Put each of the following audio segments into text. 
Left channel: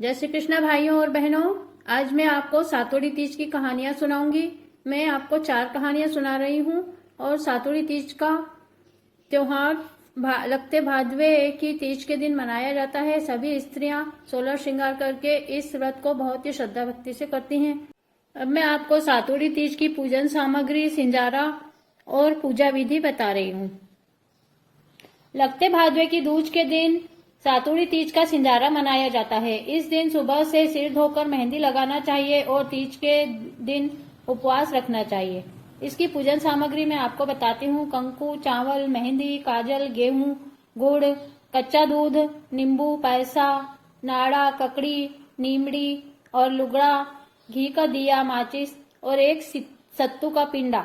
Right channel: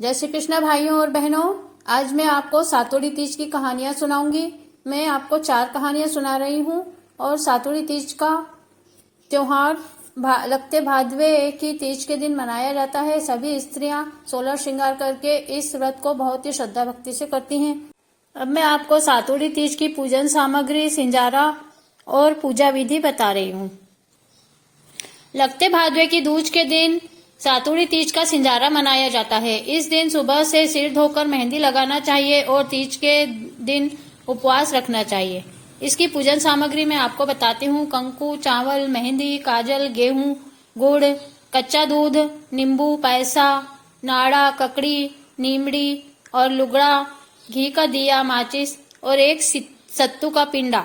जय श्री कृष्ण भाइयों और बहनों। आज मैं आपको सातोड़ी तीज की कहानियां सुनाऊंगी। मैं आपको 4 कहानियां सुना रही हूं और सातोड़ी तीज का त्योहार लगते भादवे की तीज के दिन मनाया जाता है। सभी स्त्रियां 16 श्रृंगार करके इस व्रत को बहुत ही श्रद्धा भक्ति से करती हैं। अब मैं आपको सातोड़ी तीज की पूजन सामग्री, सिंजारा और पूजा विधि बता रही हूँ। लगते भादवे की दूज के दिन सातोड़ी तीज का सिंजारा मनाया जाता है। इस दिन सुबह से सिर धोकर मेहंदी लगाना चाहिए और तीज के दिन उपवास रखना चाहिए। इसकी पूजन सामग्री मैं आपको बताती हूँ। कंकु, चावल, मेहंदी, काजल, गेहूं, गुड़, कच्चा दूध, नींबू, पैसा, नाड़ा, ककड़ी, नीमड़ी और लुगड़ा, घी का दिया, माचिस और एक सत्तू का पिंडा।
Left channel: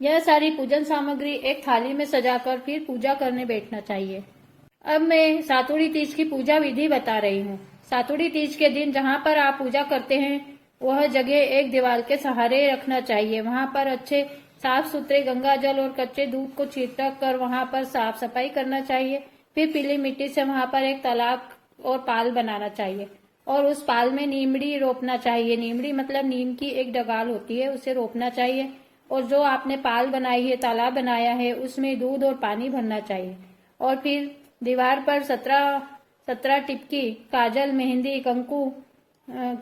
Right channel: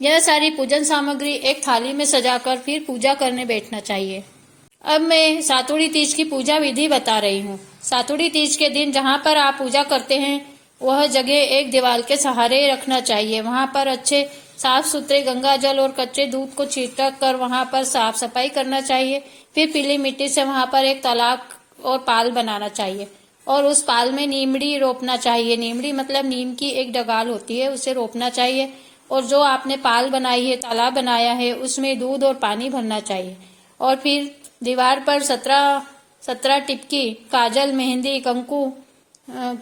यह सारी पूजन सामग्री एक थाली में सजाकर फिर पूजा करने बैठना चाहिए। अब मैं सातोड़ी तीज की पूजा विधि बता रही हूँ। सातोड़ी तीज के दिन जहाँ पर आप पूजा करते हैं वह जगह एक दीवार के सहारे रखना चाहिए। वहाँ पर अच्छे साफ सुथरे गंगा जल और कच्चे दूध को छिड़क कर वहाँ पर साफ सफाई करना चाहिए। फिर पीली मिट्टी से वहाँ पर एक तालाब और पाल बनाना चाहिए और उस पाल में नीमड़ी रोपना चाहिए। नीमड़ी मतलब नीम की एक डगाल होती है, उसे रोपना चाहिए। और जो आपने पाल बनाई है, तालाब बनाया है, उसमें दूध और पानी भरना चाहिए। और फिर दीवार पर 17 टिपकी काजल, मेहंदी, कंकु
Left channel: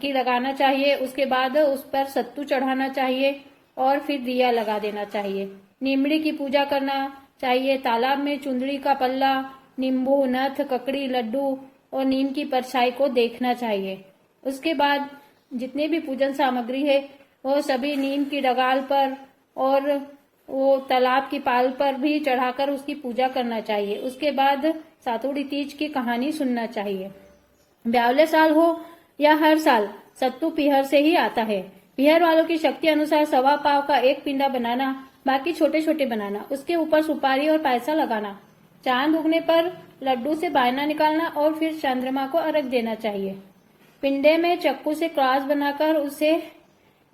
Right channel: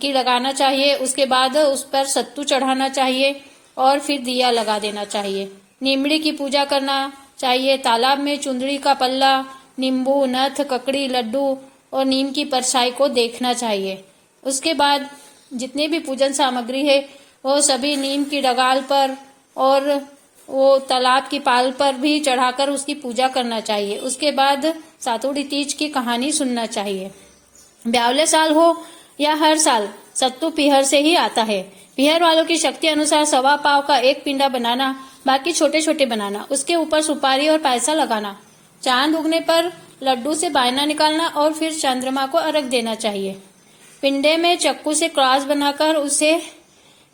की लगाना चाहिए। उसके बाद उस पर सत्तू चढ़ाना चाहिए और फिर दिया लगा देना चाहिए। नीमड़ी की पूजा करना चाहिए। तालाब में चुंदड़ी का पल्ला, नींबू, नथ, ककड़ी, लड्डू और नीम की परछाई को देखना चाहिए। उसके बाद जितनी भी पूजन सामग्री है वो सभी नीम की डगाल पर और वो तालाब की पाल पर भी चढ़ाकर उसकी पूजा करना चाहिए। उसके बाद सातोड़ी तीज की कहानी सुनना चाहिए। ब्यावले साल हो या हर साल सत्तू पीहर से ही आता है। पीहर वालों की शक्ति अनुसार 1.25 पाव का एक पिंडा बनाना, बाकी छोटे छोटे बनाना। उसके ऊपर सुपारी और पैसा लगाना। चांद उगने पर लड्डू से बायना निकालना और फिर चंद्रमा को अर्घ देना चाहिए। पिंडे में चक्कू से क्रॉस बनाकर उसे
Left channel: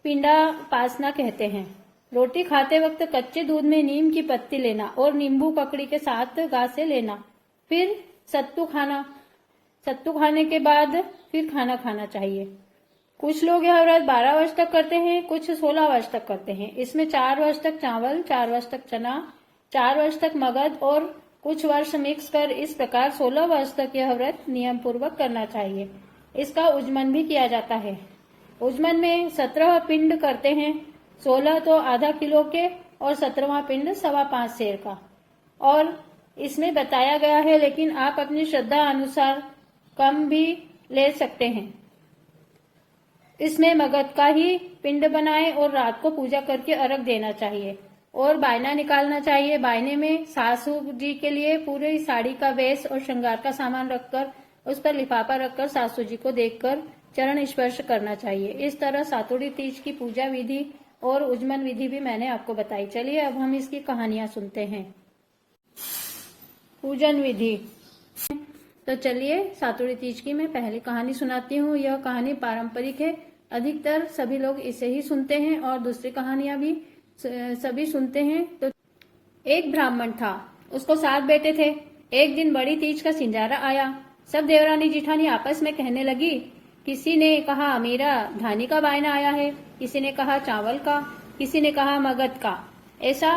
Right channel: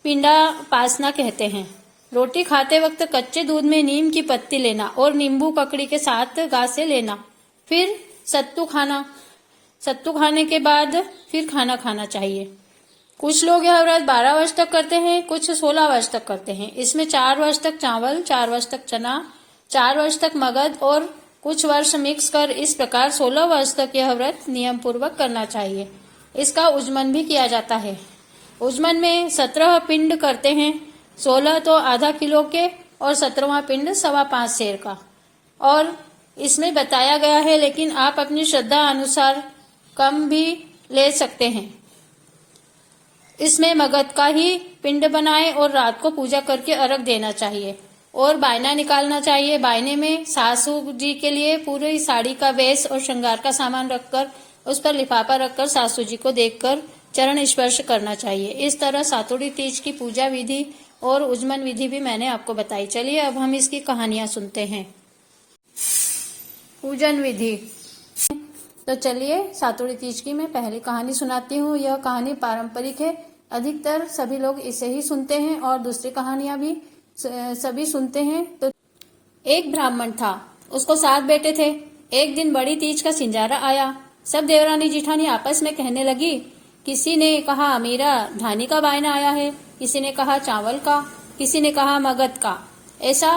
पिंडा पासना कहते हैं। रोटी खाते वक्त कच्चे दूध में नीम की पत्ती लेना और नींबू ककड़ी के साथ गासे लेना। फिर सत्तू खाने के बाद फिर खाना खाना चाहिए। कुछ लोग यह व्रत 12 वर्ष तक करते हैं, कुछ 16 वर्ष तक करते हैं। इसमें 4 वर्ष तक चावल, 4 वर्ष तक चना, 4 वर्ष तक मगध और कुछ वर्ष मिक्स कर इस प्रकार 16 वर्ष तक यह व्रत नियम पूर्वक करना चाहिए। इसका उजमन भी किया जाता है। उजमन में 17 पिंड करते हैं। 16 तो आधा किलो के और 17वां पिंड 5.25 सेर का। और इसमें बताया गया है, लेकिन आप अपनी श्रद्धा अनुसार कम भी ले सकते हैं। इसमें मगध का ही पिंड बनाएं और रात को पूजा करके अर्घ देना चाहिए और बायना निकालना चाहिए। बायने में सासू जी के लिए पूरी साड़ी का वेश और श्रृंगार का सामान रखकर उस पर लिफाफा रखकर सासू जी को देखकर चरण स्पर्श करना चाहिए। इस तरह सातोड़ी तीज की पूजा विधि और उजमन विधि भी मैंने आपको बताई। चलिए अब हम इसकी कहानियां सुनते हैं। पूजन विधि। तो चलिए सातोड़ी तीज की मैं पहली कहानी सुनाती हूँ। यह कहानी पारंपरिक है, अधिकतर सभी लोग इसे ही सुनते हैं और दूसरी कहानियां भी सभी सुनते हैं। तो एक ब्राह्मण था, उसको 7 बेटे थे। एक दिन बड़ी तीज का सिंजारा आया। सब देवरानी जिठानी आपस में कहने लगी। किसी ने कहा मेरा धानी का बायना आया है, किसी ने कहा चावल का, किसी ने कहा मगध का। ऐसा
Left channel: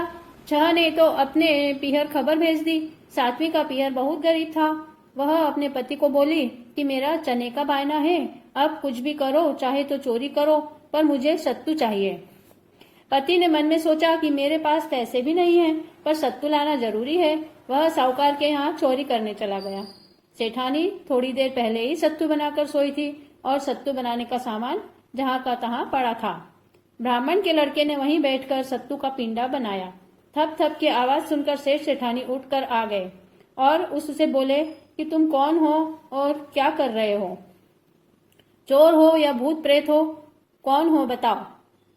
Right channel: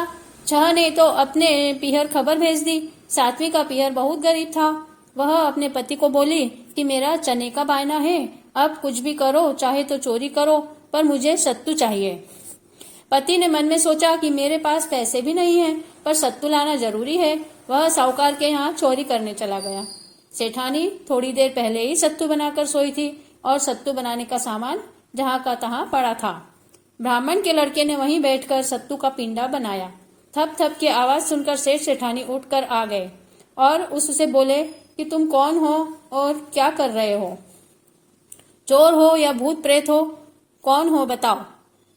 6 ने तो अपने पीहर खबर भेज दी। 7वीं का पीहर बहुत गरीब था। वह अपने पति को बोली कि मेरा चने का बायना है, अब कुछ भी करो, चाहे तो चोरी करो, पर मुझे सत्तू चाहिए। पति ने मन में सोचा कि मेरे पास पैसे भी नहीं है, पर सत्तू लाना जरूरी है। वह साहूकार के यहाँ चोरी करने चला गया। सेठानी थोड़ी देर पहले ही सत्तू बनाकर सोई थी और सत्तू बनाने का सामान जहाँ का तहाँ पड़ा था। ब्राह्मण के लड़के ने वहीं बैठकर सत्तू का पिंडा बनाया। थप थप की आवाज सुनकर सेठ सेठानी उठकर आ गए और उससे बोले कि तुम कौन हो और क्या कर रहे हो? चोर हो या भूत प्रेत हो? कौन हो बताओ?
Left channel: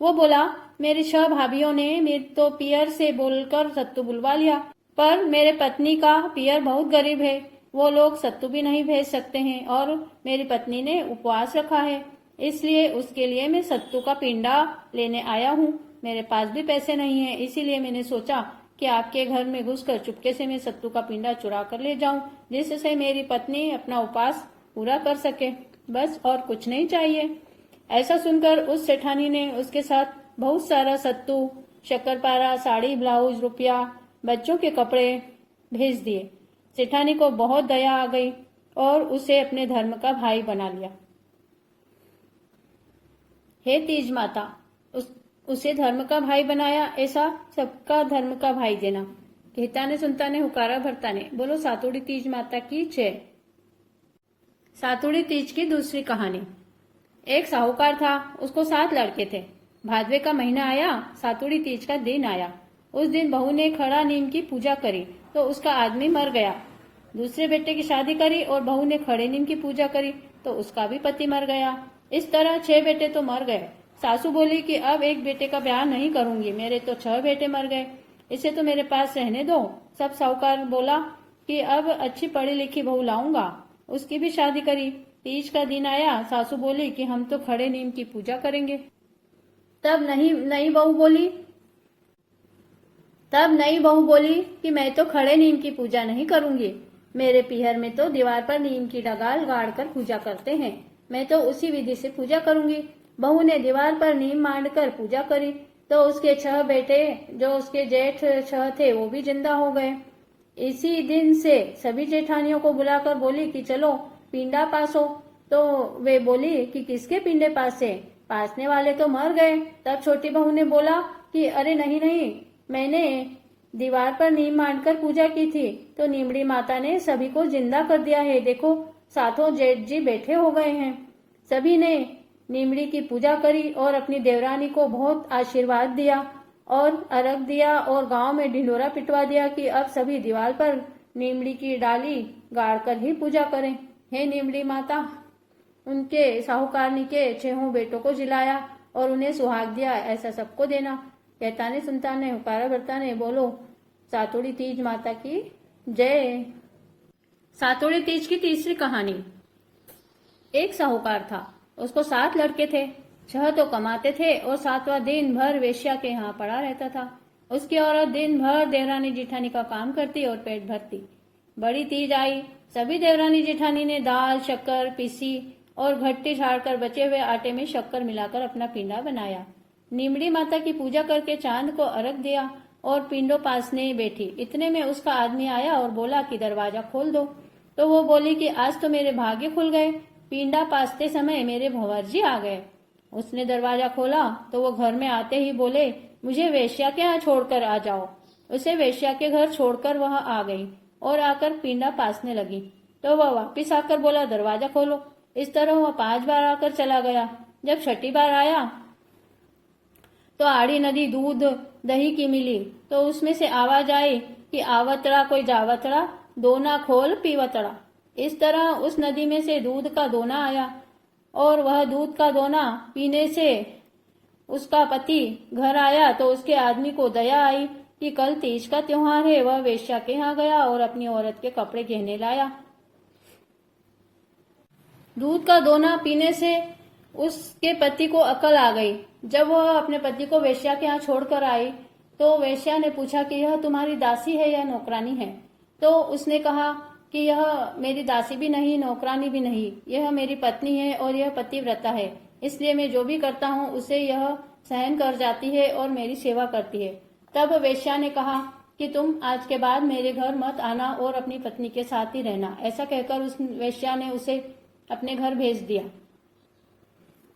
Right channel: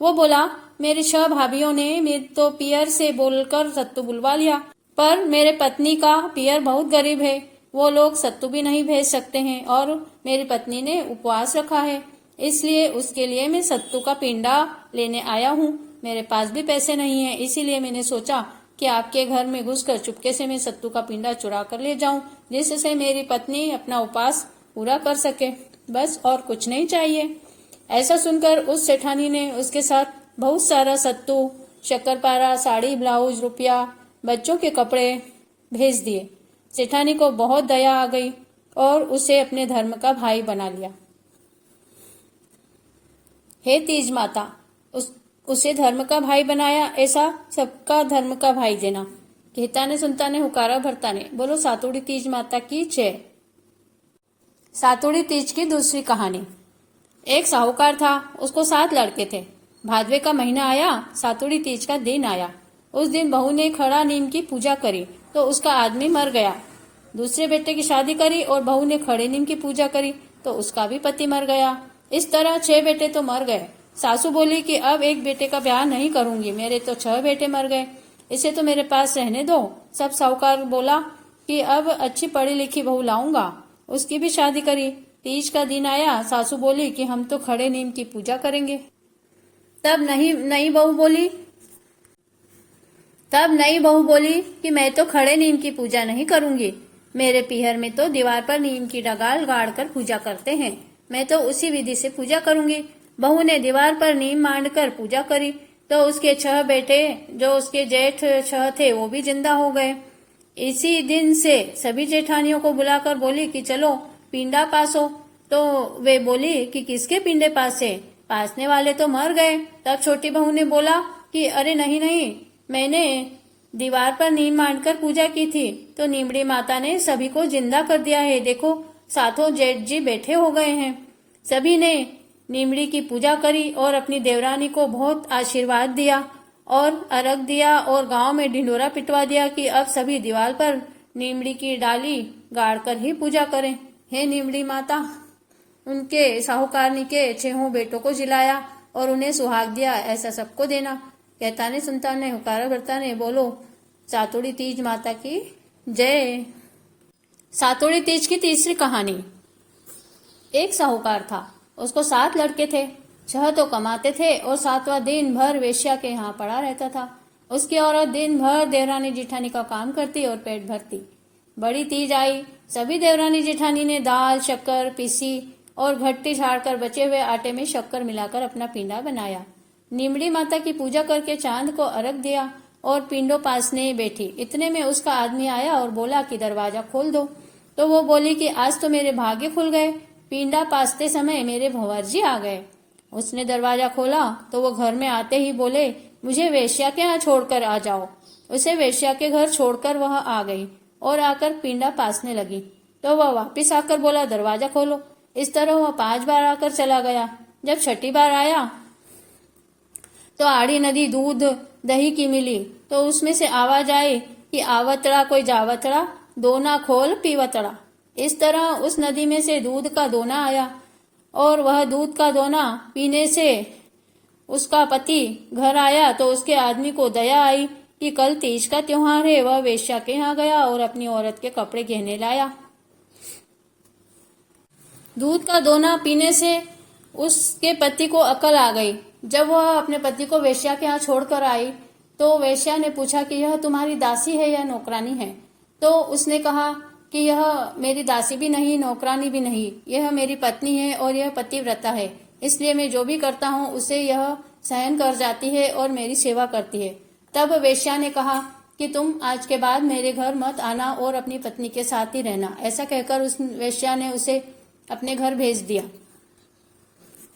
वो बोला मेरी 6 भाभीियों ने मेरे तो पियर से बोलकर सत्तू बुलवा लिया, पर मेरे पत्नी का पियर बहुत गरीब है, वो लोग सत्तू भी नहीं भेज सकते हैं और मेरी पत्नी ने उपवास रखा है, इसलिए उसके लिए मैं सत्तू का पिंडा लेने आया हूँ। मेरे पास भी पैसे नहीं है, इसीलिए मैंने सोचा कि आपके घर में घुसकर चुपके से मैं सत्तू का पिंडा चुरा कर ले जाऊं, जिससे मेरी पत्नी अपना उपवास पूरा कर सके, बस और कुछ नहीं चाहिए। ऐसा सुनकर उस सेठानी ने उसके साथ बहुत सारा सत्तू, शक्करपारा, साड़ी, ब्लाउज, रुपया, बच्चों के कपड़े भेज दिए। सेठानी को बहुत दया आ गई और उसे अपने धर्म का भाई बना लिया। हे तीज माता, उसे धर्म का भाई बनाया, ऐसा सबका धर्म का भाई देना। कहता ने सुनता ने हुकारा भरता ने, बोलो सातुड़ी तीज माता की जय। सातुड़ी तीज की दूसरी कहानी। एक साहूकार था, उसको 7 लड़के थे। भादवे का महीना आया, सातुड़ी तीज का दिन आया। उस दिन बहू ने खड़ा नीम की पूजा करी तो उसका आदमी मर गया। दूसरे बेटे की शादी करी और बहू ने खड़े नीम की पूजा करी तो उसका भी पति मर गया। इस तरह 6 बेटे तो मर गए। सासू बोली कि अब एक बेटे का ब्याह नहीं करूंगी, मेरे तो 6 बेटे मर गए, इसे तो मेरे पास रहने दो। सब साहूकार बोला कि अब अच्छी पढ़ी लिखी बहू लाऊंगा। उसकी भी शादी करी। तीज का दिन आया, सासू बोली कि हम तो खड़े नीम की पूजा करेंगे। तब नई बहू बोली कि मैं तो खड़े नीम की पूजा नहीं करूंगी, मेरे पीहर में तो दीवार पर नीम की डगाल गाड़ कर पूजा करते हैं, मैं तो उसी विधि से पूजा करूंगी। बहू ने दीवार पर नीम मांड कर पूजा करी तो उसके 6 बेटे, जो उसके जेठ 6 थे, वो भी जिंदा हो गए। इसी दिन से सभी जेठानियों को बुलाकर बोली कि चलो पिंडा पासो। तो वे बोली कि किसके पिंडे पासे, पासने वाले तो मर गए। तब छोटी बहू ने बोला कि अरे नहीं, मैंने दीवार पर नीम मांड कर पूजा की थी तो नीमड़ी माता ने सभी को जिंदा कर दिया है, देखो सातों जेठ जी बैठे हो गए हैं। सभी ने नीमड़ी की पूजा करी और अपनी देवरानी को बहुत आशीर्वाद दिया और अर्घ दिया और गांव में ढिंडोरा पिटवा दिया कि अब सभी दीवार पर नीमड़ी की डाली गाड़ कर ही पूजा करें। हे नीमड़ी माता, उनके साहूकारनी के 6 बेटों को जिलाया और उन्हें सुहाग दिया, ऐसा सबको देना। कहता ने सुनता ने हुकारा भरता ने, बोलो सातुड़ी तीज माता की जय। सातुड़ी तीज की तीसरी कहानी। एक साहूकार था, उसको 7 लड़के थे। 6 तो कमाते थे और 7वां दिन भर वेश्या के यहाँ पड़ा रहता था। उसकी औरत दिन भर देवरानी जिठानी का काम करती और पेट भरती। बड़ी तीज आई, सभी देवरानी जिठानी ने दाल शक्कर पीसी और घट्टी छाड़कर बचे हुए आटे में शक्कर मिलाकर अपना पिंडा बनाया। नीमड़ी माता की पूजा करके चांद को अर्घ दिया और पिंडों पासने बैठी। इतने में उसका आदमी आया और बोला कि दरवाजा खोल दो। तो वो बोली कि आज तो मेरे भाग्य खुल गए, पिंडा पासते समय मेरे भंवर जी आ गए। उसने दरवाजा खोला तो वो घर में आते ही बोले, मुझे वेश्या के यहाँ छोड़कर आ जाओ। उसे वेश्या के घर छोड़कर वह आ गई और आकर पिंडा पासने लगी। तो वह वापिस आकर बोला, दरवाजा खोलो। इस तरह वह 5 बार आकर चला गया। जब 6ठी बार आया तो आड़ी नदी दूध दही की मिली तो उसमें से आवाज आई कि आवतड़ा कोई जावतड़ा, दोना खोल पीवतड़ा। इस तरह उस नदी में से दूध का दोना आया और वह दूध का दोना पीने से उसका पति घर आया तो उसके आदमी को दया आई कि कल तीज का त्योहार है। वह वेश्या के यहाँ गया और अपनी औरत के कपड़े गहने लाया। दूध का दोना पीने से उसके पति को अकल आ गई। जब वह अपने पति को वेश्या के यहाँ छोड़कर आई तो वेश्या ने पूछा कि यह तुम्हारी दासी है या नौकरानी है। तो उसने कहा कि यह मेरी दासी भी नहीं, नौकरानी भी नहीं, यह मेरी पत्नी है और यह पतिव्रता है, इसलिए मैं जो भी करता हूँ उसे यह सहन कर जाती है और मेरी सेवा करती है। तब वेश्या ने कहा कि तुम आज के बाद मेरे घर मत आना और अपनी पत्नी के साथ ही रहना। ऐसा कहकर उस वेश्या ने उसे अपने घर भेज दिया।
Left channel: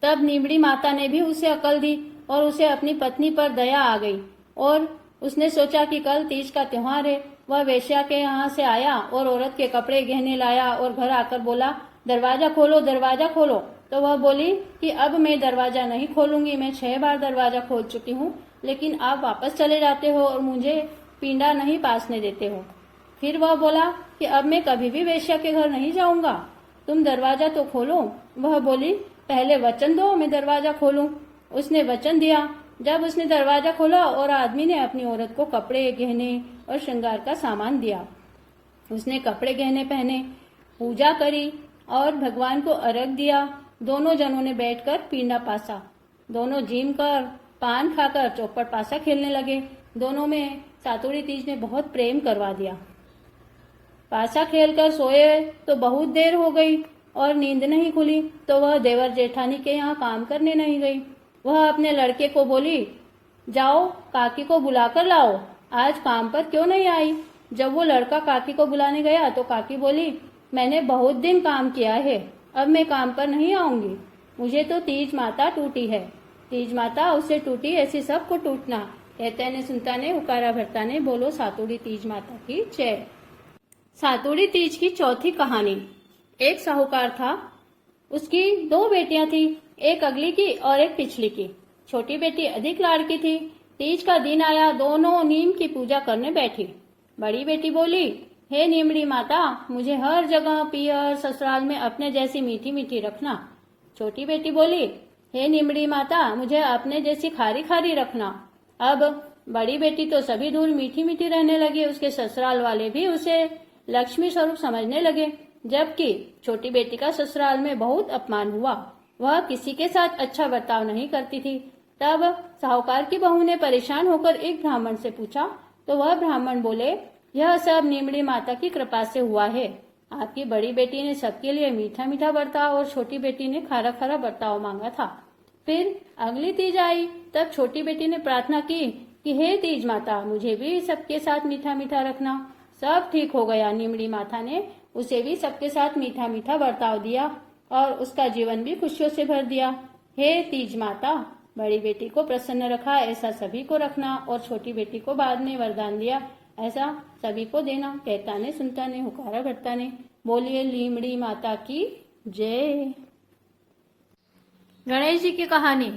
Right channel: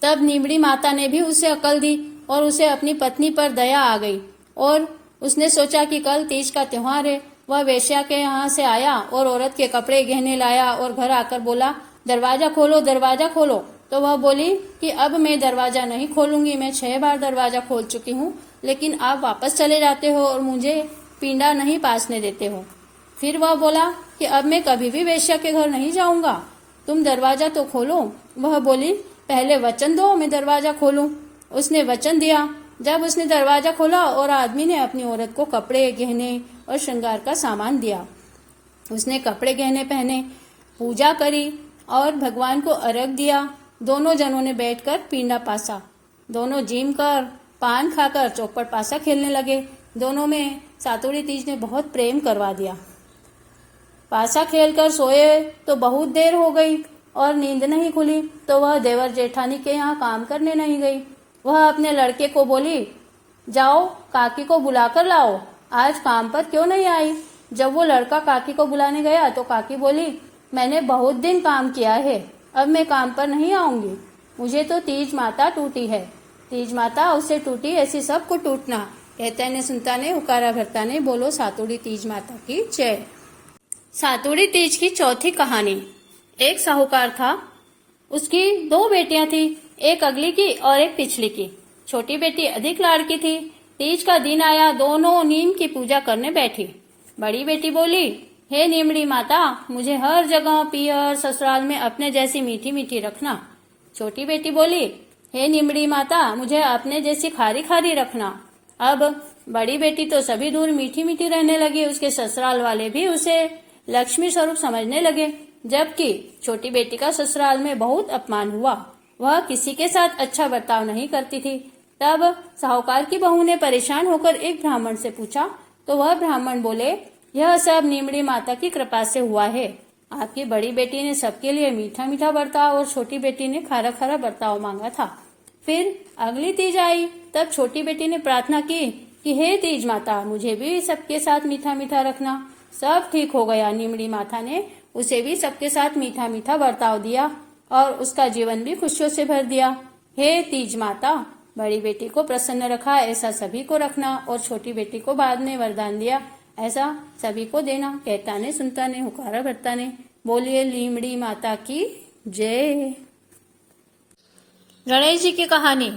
तब नीमड़ी माता ने भी उसे अकल दी और उसे अपनी पत्नी पर दया आ गई और उसने सोचा कि कल तीज का त्योहार है। वह वेश्या के यहाँ से आया और औरत के कपड़े गहने लाया और घर आकर बोला, दरवाजा खोलो, दरवाजा खोलो। तो वह बोली कि अब मैं दरवाजा नहीं खोलूंगी, मैं 6 बार दरवाजा खोल चुकी हूँ, लेकिन आप वापस चले जाते हो और मुझे पिंडा नहीं पासने देते हो। फिर वह बोला कि अब मैं कभी भी वेश्या के घर नहीं जाऊंगा, तुम दरवाजा तो खोलो। वह बोली, पहले वचन दो, मैं दरवाजा खोलूं। उसने वचन दिया। जब उसने दरवाजा खोला और आदमी ने अपनी औरत को कपड़े गहने और श्रृंगार का सामान दिया। उसने कपड़े गहने पहने, पूजा करी और भगवान को अर्घ दिया। दोनों जनों ने बैठकर पिंडा पासा। दोनों जिम कर पान खाकर चौपट पासा खेलने लगे। दोनों में सातुड़ी तीज ने बहुत प्रेम करवा दिया। पासा खेलकर सोए तो बहुत देर हो गई। और नींद नहीं खुली तो वह देवर जेठानी के यहाँ काम करने नहीं गई। वह अपने लड़के को बोली, जाओ काकी को बुलाकर लाओ, आज काम पर क्यों नहीं आई। जब वो लड़का काकी को बुलाने गया तो काकी बोली, मैंने बहुत दिन काम किया है, अब मैं काम पर नहीं आऊंगी, मुझे तो तीज माता टूटी है। तीज माता उससे टूटी, ऐसी सबको टूटना। कहते ने सुनता ने हुकारा भरता ने, बोलो सातुड़ी तीज माता की जय। सातुड़ी तीज की चौथी कहानी। एक साहूकार था, उसकी 2 बेटियां थी, एक अगली की और एक पिछली की। छोटी बेटी अधिक लाड़की थी। तीज का दिन आया, दोनों नीम की पूजा करने बैठी। बड़ी बेटी बोली, हे नीमड़ी माता, मुझे हर जगह पियर ससुराल में अपने जैसी मीठी मीठी रखना। छोटी बेटी बोली, हे नीमड़ी माता, मुझे अपने जैसी खारी खारी रखना। अब बड़ी बेटी तो सभी दूर मीठी मीठी रहने लगी, उसके ससुराल वाले भी उसे लक्ष्मी स्वरूप समझने लगे, जबकि छोटी बेटी का ससुराल में बहुत अपमान हुआ। वह किसी के साथ अच्छा बर्ताव नहीं करती थी। तब साहूकार की बहू ने परेशान होकर एक ब्राह्मण से पूछा, तो वह ब्राह्मण बोले, यह सब नीमड़ी माता की कृपा से हुआ है। आपकी बड़ी बेटी ने सबके लिए मीठा मीठा बर्ताव और छोटी बेटी ने खारा खारा बर्ताव मांगा था। फिर अगली तीज आई, तब छोटी बेटी ने प्रार्थना की कि हे तीज माता, मुझे भी सबके साथ मीठा मीठा रखना। सब ठीक हो गया। नीमड़ी माता ने उसे भी सबके साथ मीठा मीठा बर्ताव दिया और उसका जीवन भी खुशियों से भर दिया। हे तीज माता, बड़ी बेटी को प्रसन्न रखा, ऐसा सभी को रखना, और छोटी बेटी को बाद में वरदान दिया, ऐसा सभी को देना। कहता ने सुनता ने हुकारा भरता ने, बोलिए लीमड़ी माता की जय। गणेश जी की कहानी।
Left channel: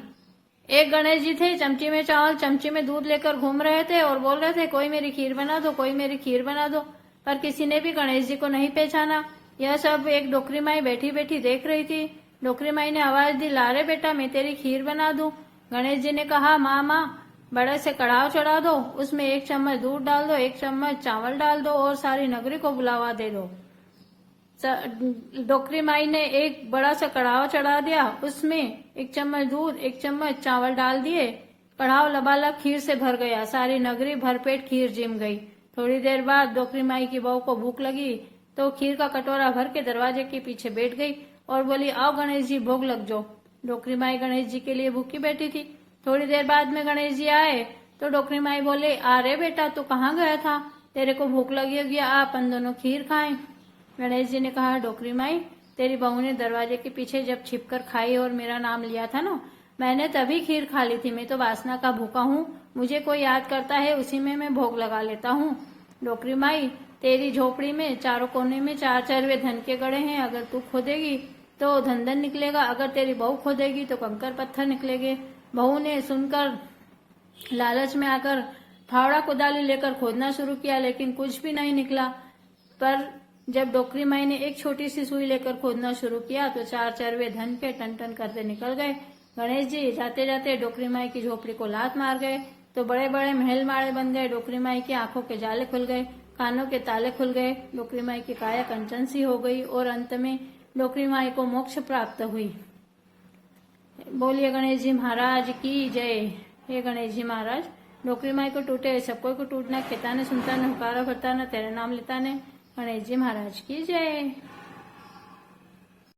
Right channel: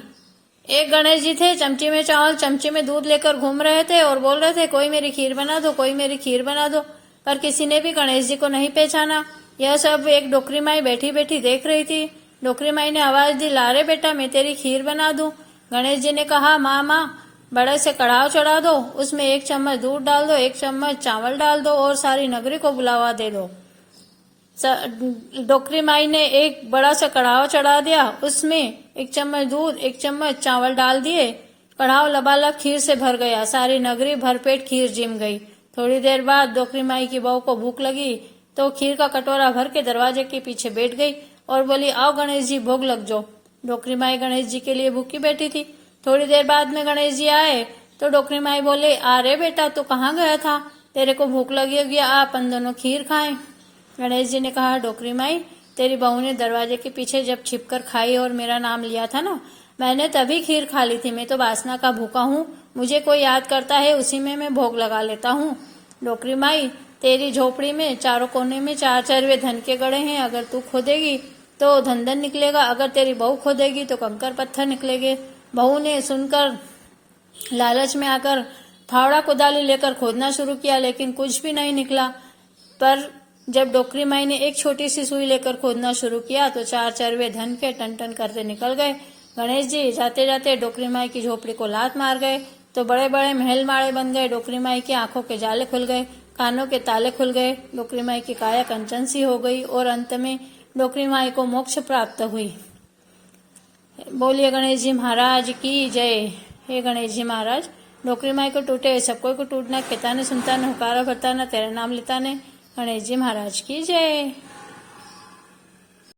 एक गणेश जी थे, चमची में चावल चमची में दूध लेकर घूम रहे थे और बोल रहे थे, कोई मेरी खीर बना दो, कोई मेरी खीर बना दो। पर किसी ने भी गणेश जी को नहीं पहचाना। यह सब एक डोकरी माई बैठी बैठी देख रही थी। डोकरी माई ने आवाज दी, ला रे बेटा, मैं तेरी खीर बना दूं। गणेश जी ने कहा, माँ बड़े से कड़ाव चढ़ा दो, उसमें 1 चम्मच दूध डाल दो, 1 चम्मच चावल डाल दो और सारी नगरी को बुलावा दे दो। डोकरी माई ने एक बड़ा सा कड़ाव चढ़ा दिया, उसमें 1 चम्मच दूध 1 चम्मच चावल डाल दिए। कड़ाव लबालब खीर से भर गया, सारी नगरी भरपेट खीर जिम गई। थोड़ी देर बाद डोकरी माई की बहू को भूख लगी तो खीर का कटोरा भर के दरवाजे के पीछे बैठ गई और बोली, आओ गणेश जी, भोग लग जाओ। डोकरी माई गणेश जी के लिए भूखी बैठी थी। थोड़ी देर बाद में गणेश जी आए तो डोकरी माई बोले, आ रे बेटा, तू कहाँ गया था, तेरे को भूख लगी होगी, आ अपन दोनों खीर खाएं। गणेश जी ने कहा, डोकरी माई, तेरी बहू ने दरवाजे के पीछे जब छिपकर खाई और मेरा नाम लिया था ना, मैंने तभी खीर खा ली थी। मैं तो वासना का भूखा हूँ, मुझे कोई याद करता है उसी में मैं भोग लगा लेता हूँ। डोकरी माई, तेरी झोपड़ी में चारों कोने में 4 चरवे धन के गड़े हैं, अगर तू खोदेगी तो धन धन निकलेगा, अगर तेरी बहू खोदेगी तो कंकर पत्थर निकलेंगे। बहू ने सुनकर लालच में आकर फावड़ा कुदाली लेकर खोदना शुरू किया, लेकिन कुछ भी नहीं निकला। पर जब डोकरी माई ने एक छोटी सी सुई लेकर खोदना शुरू किया तो 4 चरवे धन के टन टन करते निकल गए। गणेश जी जाते जाते डोकरी माई की झोपड़ी को लात मार गए तो बड़े बड़े महल माड़े बन गए। डोकरी माई की आंखों के जाले खुल गए, कानों के ताले खुल गए, डोकरी माई की काया कंचन सी हो गई और अंत में डोकरी माई को मोक्ष प्राप्त हुई। बोलिए गणेश जी महाराज की जय। हे गणेश जी महाराज, डोकरी माई को टूटे सबको को टूटना, कहता ने सुनता ने हुकारा भरता ने, तेरे नाम लेता ने। गणेश जी महाराज की जय।